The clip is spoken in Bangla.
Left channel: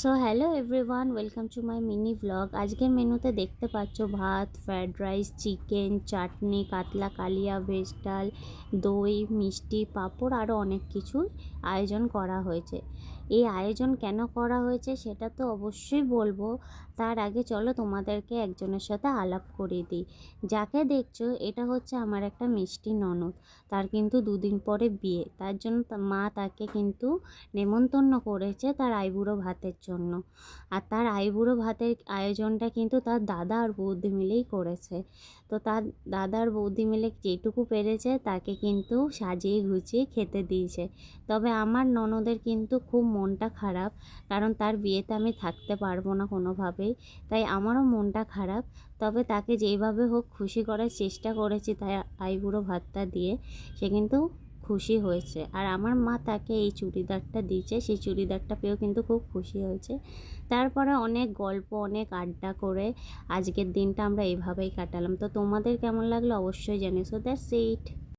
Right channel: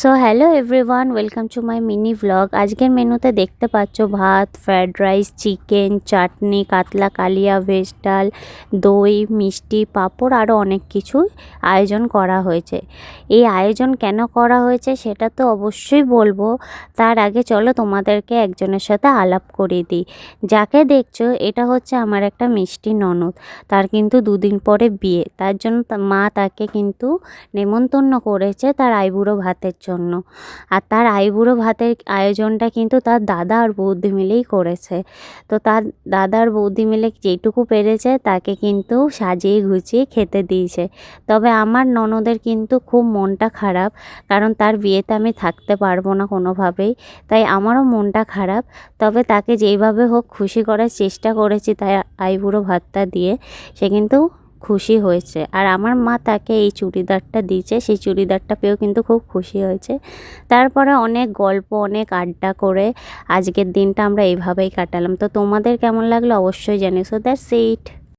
So hello everyone, welcome to my mini vlog. আজকের মেনুতে দেখতে পাচ্ছ ভাত, ফ্রায়েড রাইস, চিকেন, চাটনি, কাতলা কালিয়া, ভেজ ডাল, দই, মিষ্টি, পাঁপড় আরও অনেক কিছু আয়োজন করা হয়েছে। এই আয়োজন কেন করা হয়েছে সেটা তো অবশ্যই বলবো। তার আগে চলো তোমাদেরকে একজনের সাথে আলাপ করিয়ে দিই। যাকে দেখছো এটা হচ্ছে আমার একটা মিষ্টি ননদ। তার কিন্তু দুদিন পরে বিয়ে, তার জন্য মা তাকে কিন্তু নেমন্তন্ন করেছে তার আইবুড়ো ভাতের জন্য। আর তার আইবুড়ো ভাতের আয়োজনটা কিন্তু তার দাদা আর বৌদি মিলেই করেছে। তো তার দাদা আর বৌদি মিলে যেটুকু পেরেছে তাকে কিন্তু সাজিয়ে গুছিয়ে খেতে দিয়েছে। তবে আমার ননদের কিন্তু খুব মনটা খারাপ, কারণ তার বিয়েতে আমি থাকতে পারবো না কোনোভাবেই, তাই আমারও মনটা খারাপ। তবে তাকে যেইভাবে হোক খুশি করার চেষ্টা করেছি তাই আইবুড়ো ভাতটা দিয়ে, সে কিন্তু খুশি হয়েছে। আর আমার মা তাকে এই চুড়িদারটা দিয়েছে, সেই চুড়িদারটা পেয়েও কিন্তু খুব খুশি হয়েছে। তারপরে অনেক গল্প, অনেক আড্ডা করে আজকের দিনটা আমরা এইভাবেই কাটালাম। তো তোমাদের কেমন লাগলো অবশ্যই জানিও। So that's it.